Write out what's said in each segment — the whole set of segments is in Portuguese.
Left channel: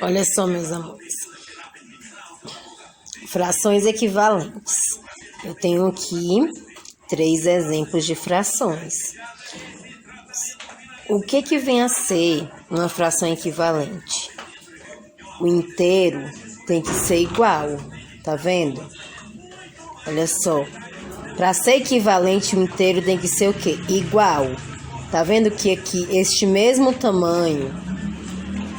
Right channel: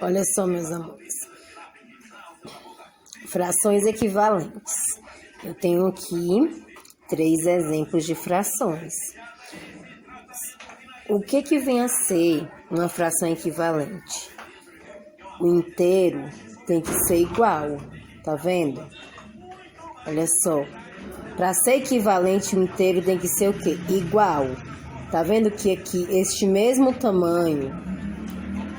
Olha só, meus amores. Frações equivalentes. Eu tenho aqui 3 exemplos de frações. O que vem a ser uma fração equivalente? O inteiro tem que ser igual, tá vendo? Olha só. Para ser equivalente, o inteiro tem que ser o quê? Igual. Tá vendo que aqui este mesmo tamanho,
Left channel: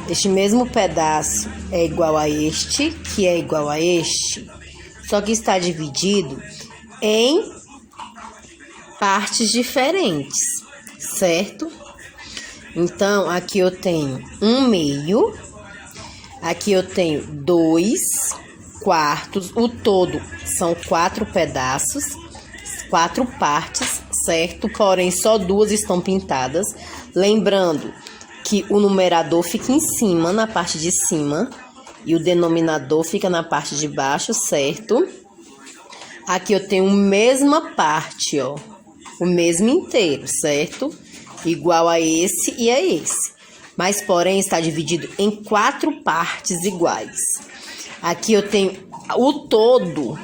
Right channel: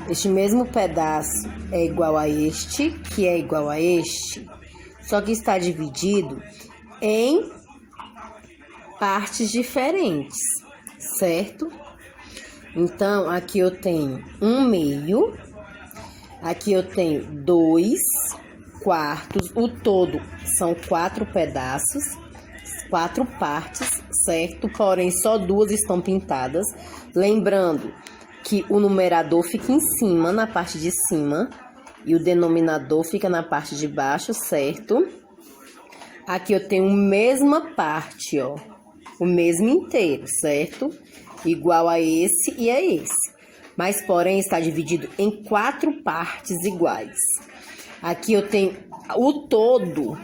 este mesmo pedaço é igual a este, que é igual a este, só que está dividido em partes diferentes, certo? Então, aqui eu tenho 1/2, aqui eu tenho 2/4, o todo são 4 pedaços, 4 partes, certo? Porém, só 2 estão pintadas. Lembrando que o numerador fica em cima, na parte de cima, e o denominador fica na parte de baixo, certo? Aqui eu tenho a mesma parte, ó, o mesmo inteiro, certo? Igual a esse e a esse. Mas, porém, está dividido em 4 partes iguais. Aqui eu tenho o todo,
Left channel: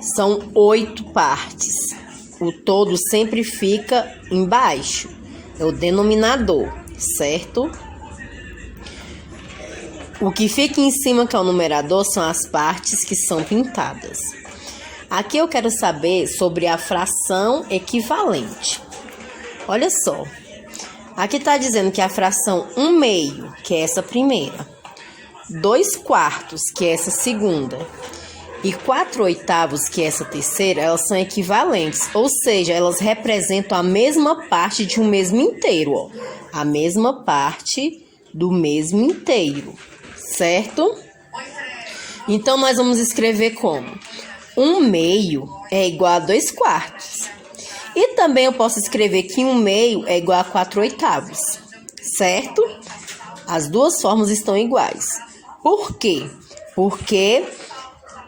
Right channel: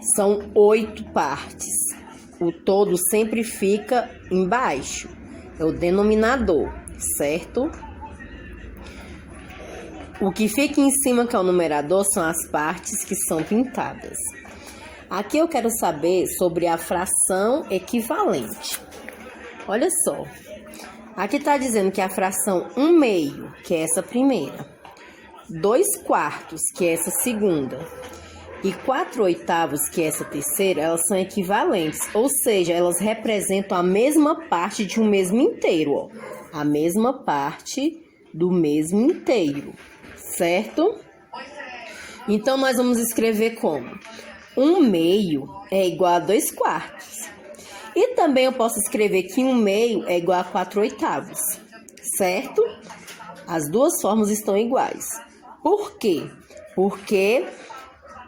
são 8 partes. O todo sempre fica embaixo, é o denominador, certo? O que fica em cima, que é o numerador, são as partes que são pintadas. Aqui eu quero saber sobre a fração equivalente. Olha só, aqui está dizendo que a fração 1/2, que é essa primeira, 2/4, que é essa segunda, e 4/8, que é essa terceira, elas são equivalentes, ou seja, elas representam a mesma parte de um mesmo inteiro, ó, a mesma parte do mesmo inteiro, certo? Então, nós vamos escrever como 1/2 é igual a 2/4. E também eu posso escrever que 1/2 é igual a 4/8, certo? As duas formas estão iguais. Por quê? Porque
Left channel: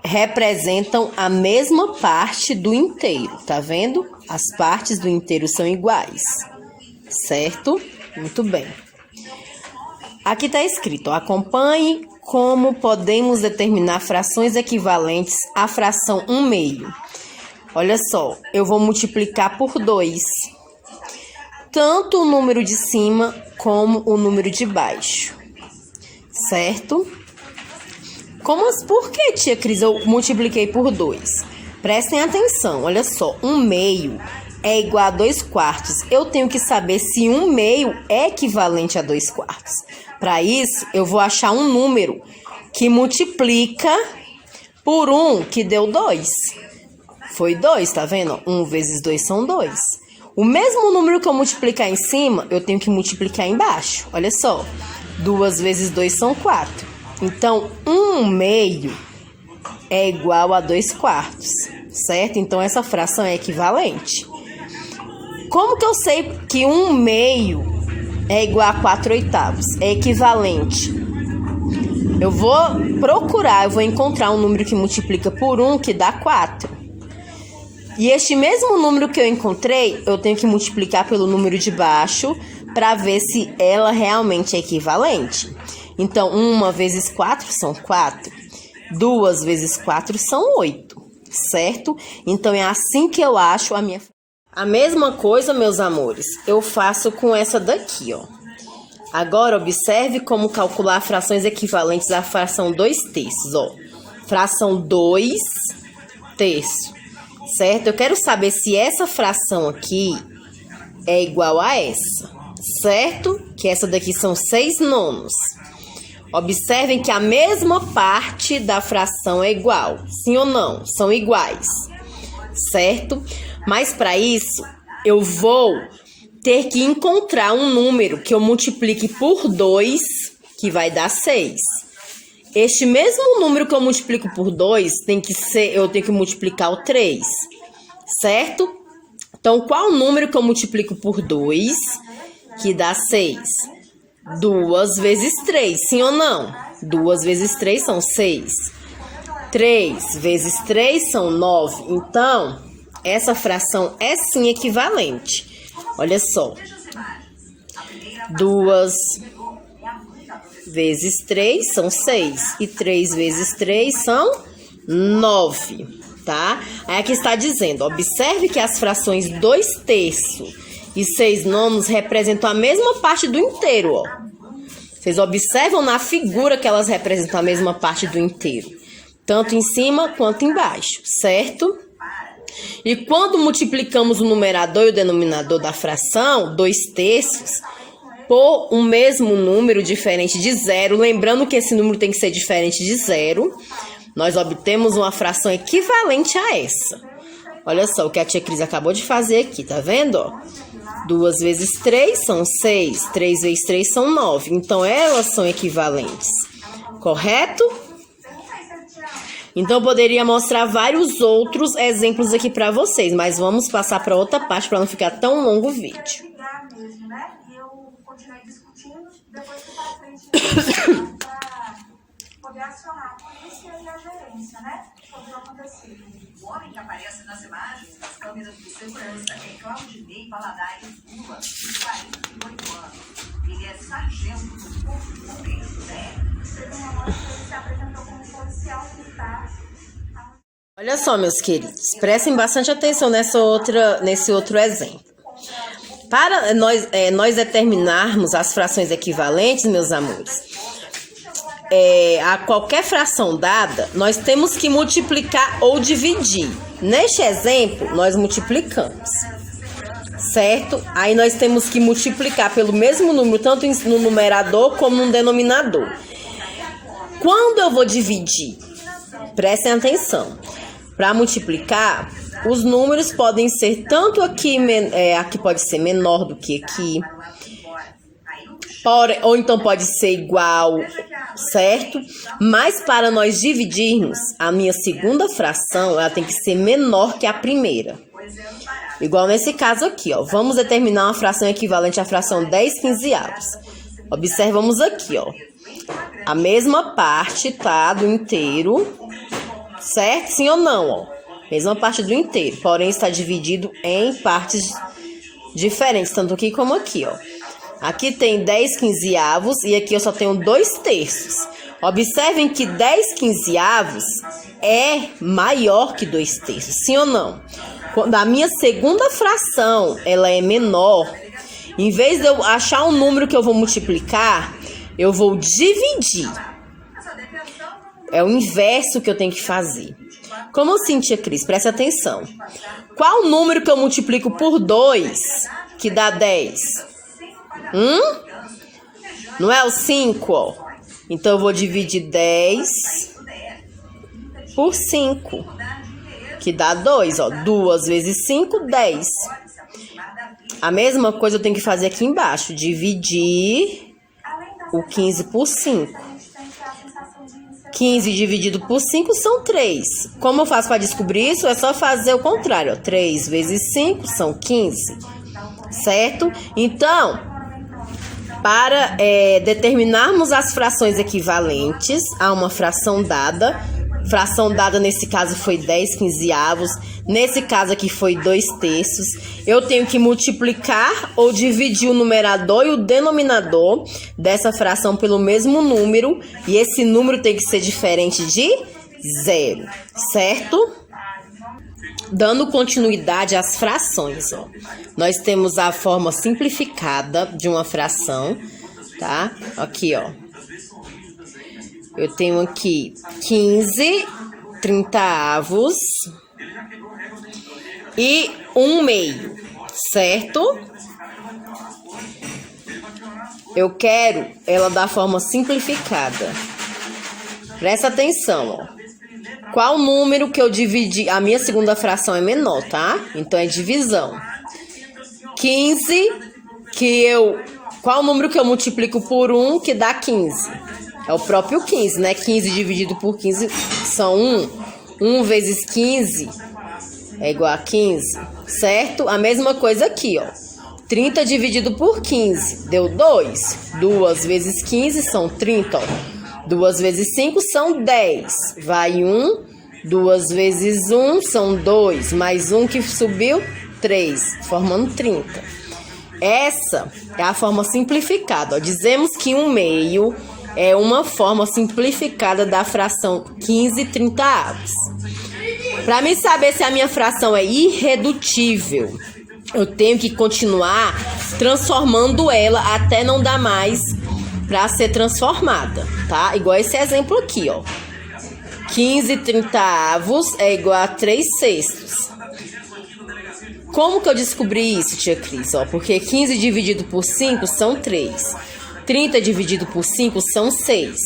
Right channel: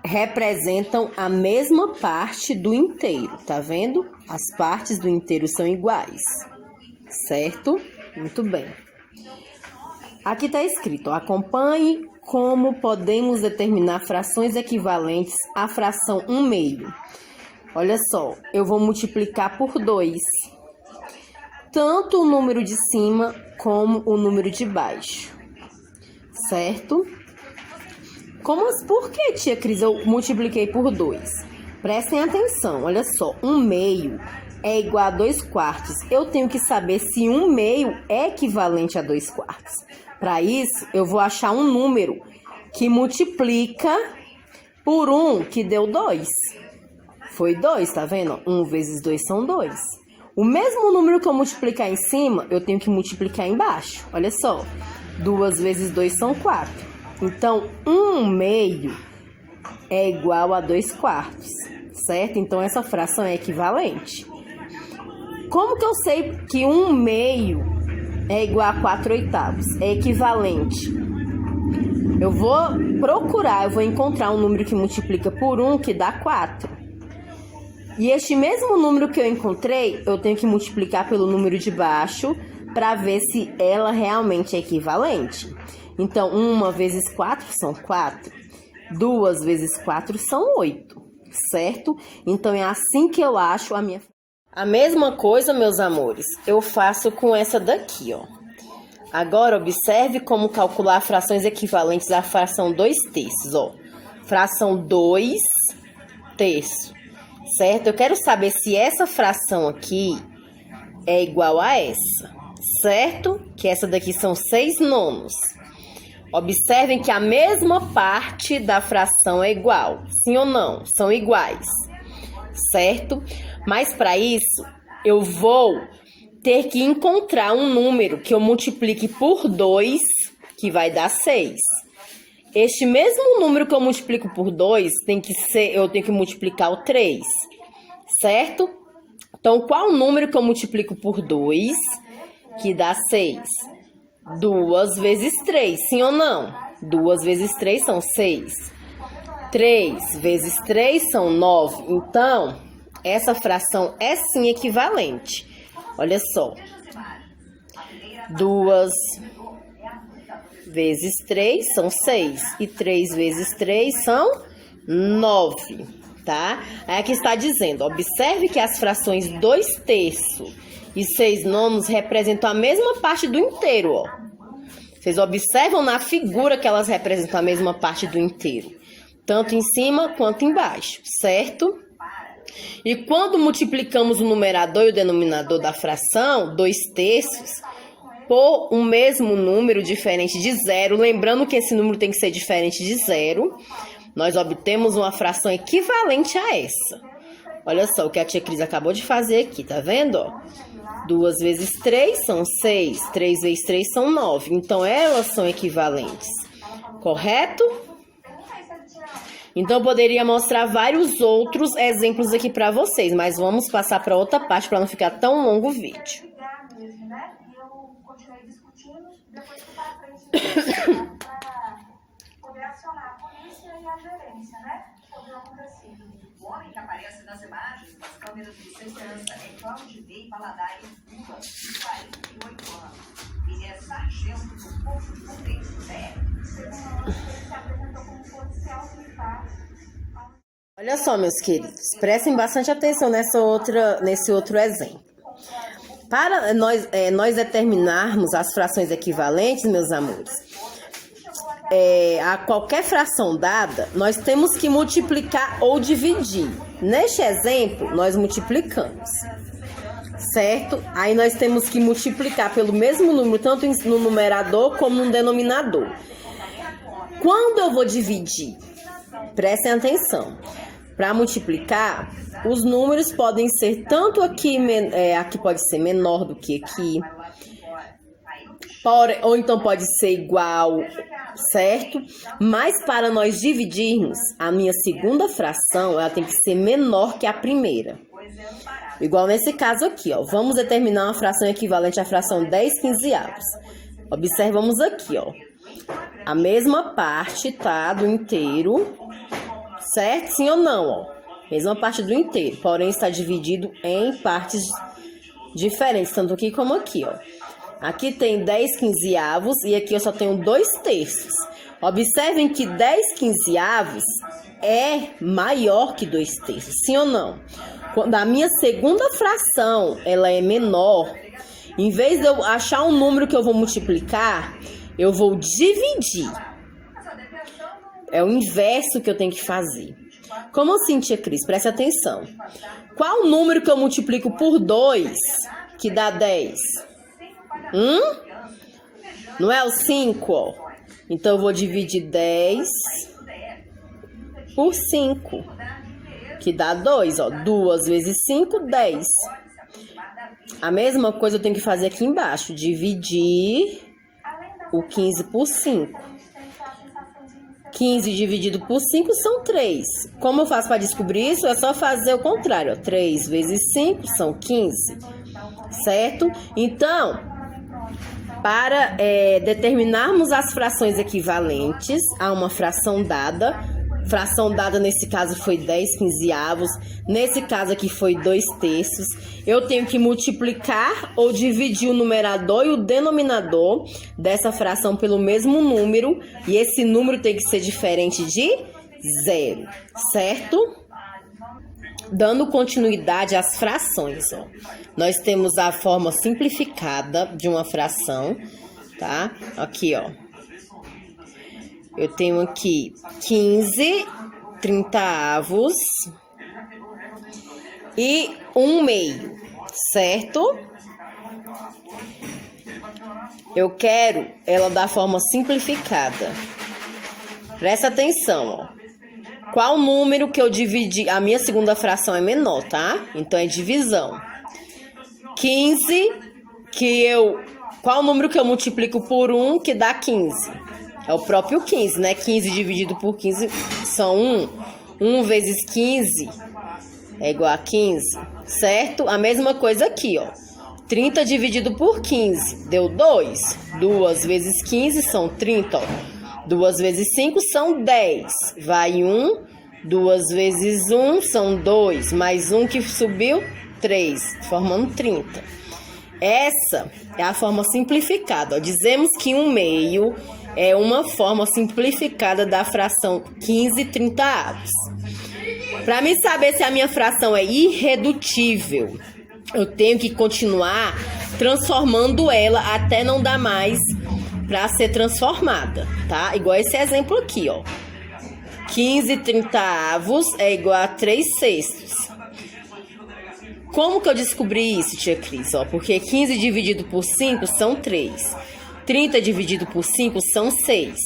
representam a mesma parte do inteiro, tá vendo? As partes do inteiro são iguais, certo? Muito bem. Aqui tá escrito, ó, acompanhe como podemos determinar frações equivalentes à fração 1/2. Olha só, eu vou multiplicar por 2, tanto o número de cima como o número de baixo, certo? Por que, tia Cris, eu multipliquei por 2? Prestem atenção, olha só, 1/2 é igual a 2/4. Eu tenho que saber se 1/2 é equivalente a 2/4. Para isso, eu vou achar um número que multiplica por 1, que deu 2. Foi 2, tá vendo? 1 vezes 2 são 2. O mesmo número que eu multiplicar em cima, eu tenho que multiplicar embaixo. Olha só, 2 vezes 2 são 4. Então, 1/2 é igual a 2/4, certo? Então, essa fração é equivalente. Como que eu sei que 1/2 é igual a 4/8? É equivalente. Eu vou procurar, eu vou encontrar um número que multiplica por 1, que dá 4. E este mesmo número que eu encontrei, eu tenho que multiplicar pelo número de baixo para ver se ela realmente é equivalente. Então, 1 vezes 4 são 4. 2 vezes 4 são 8, certo? Então, é assim que eu acho a minha... A mesma coisa, meus amores, eu faço com essa daqui, ó. Agora, observe como calcular frações equivalentes à fração 2/3, ó. Fração 2/3. Certo? Eu quero saber se essa fração aqui é igual a essa, certo? Que essa daqui são 6/9. Observem que a mesma parte da fração é igual, sim ou não? São iguais, certo? Mas para isso, eu vou ter que encontrar um número que eu multiplique por 2, que vai dar 6. Este mesmo número que eu multiplico por 2, eu tenho que multiplicar o 3, certo? Então, qual o número que eu multiplico por 2, que dá 6? 2 vezes 3, sim ou não? 2 vezes 3 são 6. 3 vezes 3 são 9. Então, essa fração é sim equivalente. Olha só. 2 vezes 3 são 6. E 3 vezes 3 são 9, tá? Aí aqui está dizendo, observe que as frações 2/3 e 6/9 representam a mesma parte do inteiro, ó. Vocês observam na figura que elas representam a mesma parte do inteiro, tanto em cima quanto embaixo, certo? E quando multiplicamos o numerador e o denominador da fração, 2/3, por um mesmo número diferente de zero, lembrando que esse número tem que ser diferente de zero, nós obtemos uma fração equivalente a essa. Olha só o que a tia Cris acabou de fazer aqui, tá vendo? Ó? 2 vezes 3 são 6, 3 vezes 3 são 9. Então, elas são equivalentes, correto? Então, eu poderia mostrar vários outros exemplos aqui para vocês, mas vamos passar para outra parte para não ficar tão longo o vídeo. O homem que aparece nas imagens das câmeras de segurança é Claudinei Valadares Lula, de 48 anos. Ele é sargento do Corpo de Bombeiros do DF. Teve uma hora que ele se apresentou como policial militar. Olha só, meus queridos, prestem bastante atenção nesse outro exemplo. Para nós determinarmos as frações equivalentes, meus amores, a qualquer fração dada, nós temos que multiplicar ou dividir. Neste exemplo, nós multiplicamos, certo? Aí nós temos que multiplicar pelo mesmo número, tanto no numerador como no denominador. Quando eu vou dividir, prestem atenção, para multiplicar, os números podem ser tanto aqui pode ser menor do que aqui, ou então pode ser igual, certo? Mas para nós dividirmos, a minha segunda fração, ela tem que ser menor que a primeira. Igual nesse caso aqui, ó. Vamos determinar uma fração equivalente à fração 10/15. Observamos aqui, ó. A mesma parte, tá? Do inteiro, certo? Sim ou não, ó? Mesma parte do inteiro, porém está dividido em partes diferentes, tanto aqui como aqui, ó. Aqui tem 10/15 e aqui eu só tenho 2/3. Observem que 10/15 é maior que 2/3, sim ou não? Quando a minha segunda fração ela é menor, em vez de eu achar um número que eu vou multiplicar, eu vou dividir. É o inverso que eu tenho que fazer. Como assim, tia Cris? Preste atenção. Qual número que eu multiplico por 2 que dá 10? Não é o 5, ó. Então, eu vou dividir 10 por 5, que dá 2, ó. 2 vezes 5, 10. A mesma coisa eu tenho que fazer aqui embaixo. Dividir o 15 por 5. 15 dividido por 5 são 3. Como eu faço para descobrir isso? É só fazer o contrário, ó. 3 vezes 5 são 15, certo? Então, para determinarmos as frações equivalentes a uma fração dada nesse caso foi 10/15, nesse caso aqui foi 2/3, eu tenho que multiplicar ou dividir o numerador e o denominador dessa fração pelo mesmo número, e esse número tem que ser diferente de 0, certo? Dando continuidade às frações, ó. Nós temos a forma simplificada de uma fração, tá? Aqui, ó. Eu tenho aqui 15/30 e 1/2, certo? Eu quero ela da forma simplificada. Presta atenção, ó. Qual número que eu dividi? A minha segunda fração é menor, tá? Então, é divisão. 15, qual número que eu multiplico por 1 que dá 15? É o próprio 15, né? 15 dividido por 15 são 1. 1 vezes 15 é igual a 15, certo? A mesma coisa aqui, ó. 30 dividido por 15 deu 2. 2 vezes 15 são 30, ó. 2 vezes 5 são 10. Vai 1. 2 vezes 1 são 2. Mais 1 que subiu, 3. Formando 30. Essa é a forma simplificada. Ó. Dizemos que 1/2 é uma forma simplificada da fração 15/30. Para mim saber se a minha fração é irredutível, eu tenho que continuar transformando ela até não dar mais para ser transformada, tá? Igual esse exemplo aqui, ó. 15/30 é igual a 3/6. Como que eu descobri isso, tia Cris? Ó, porque 15 dividido por 5 são 3. 30 dividido por 5 são 6.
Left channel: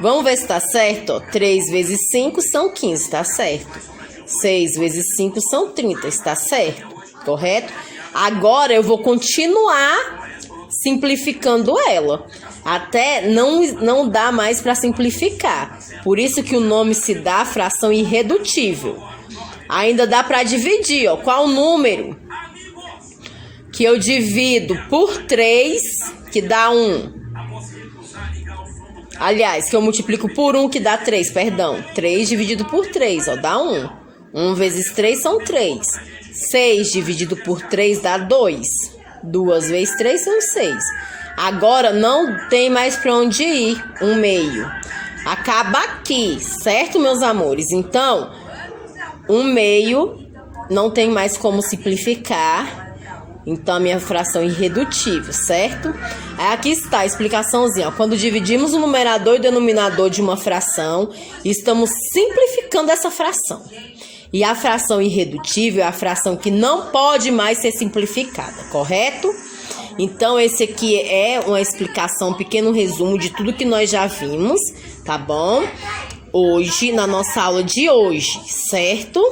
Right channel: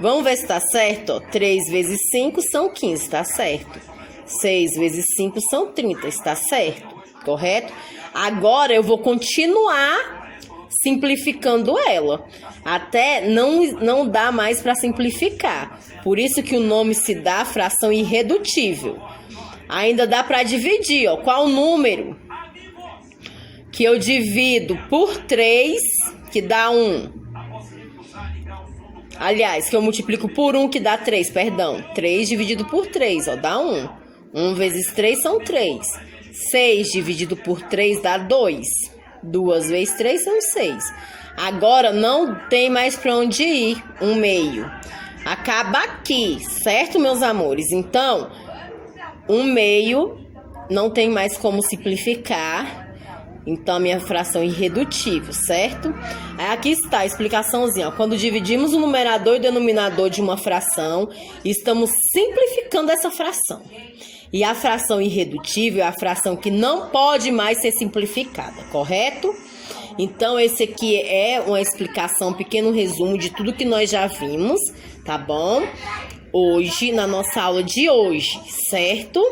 Vamos ver se tá certo? Ó. 3 vezes 5 são 15, tá certo? 6 vezes 5 são 30, está certo? Correto? Agora eu vou continuar simplificando ela, até não dá mais para simplificar. Por isso que o nome se dá fração irredutível. Ainda dá para dividir, ó. Qual o número que eu divido por 3, que dá 1? Aliás, que eu multiplico por 1, que dá 3, perdão. 3 dividido por 3, ó, dá 1. 1 vezes 3 são 3. 6 dividido por 3 dá 2. 2 vezes 3 são 6. Agora não tem mais para onde ir, 1/2. Acaba aqui, certo, meus amores? Então, 1/2 não tem mais como simplificar. Então, a minha fração é irredutível, certo? Aí aqui está a explicaçãozinha. Ó. Quando dividimos o numerador e o denominador de uma fração, estamos simplificando essa fração. E a fração irredutível é a fração que não pode mais ser simplificada, correto? Então, esse aqui é uma explicação, um pequeno resumo de tudo que nós já vimos, tá bom? Hoje, na nossa aula de hoje, certo?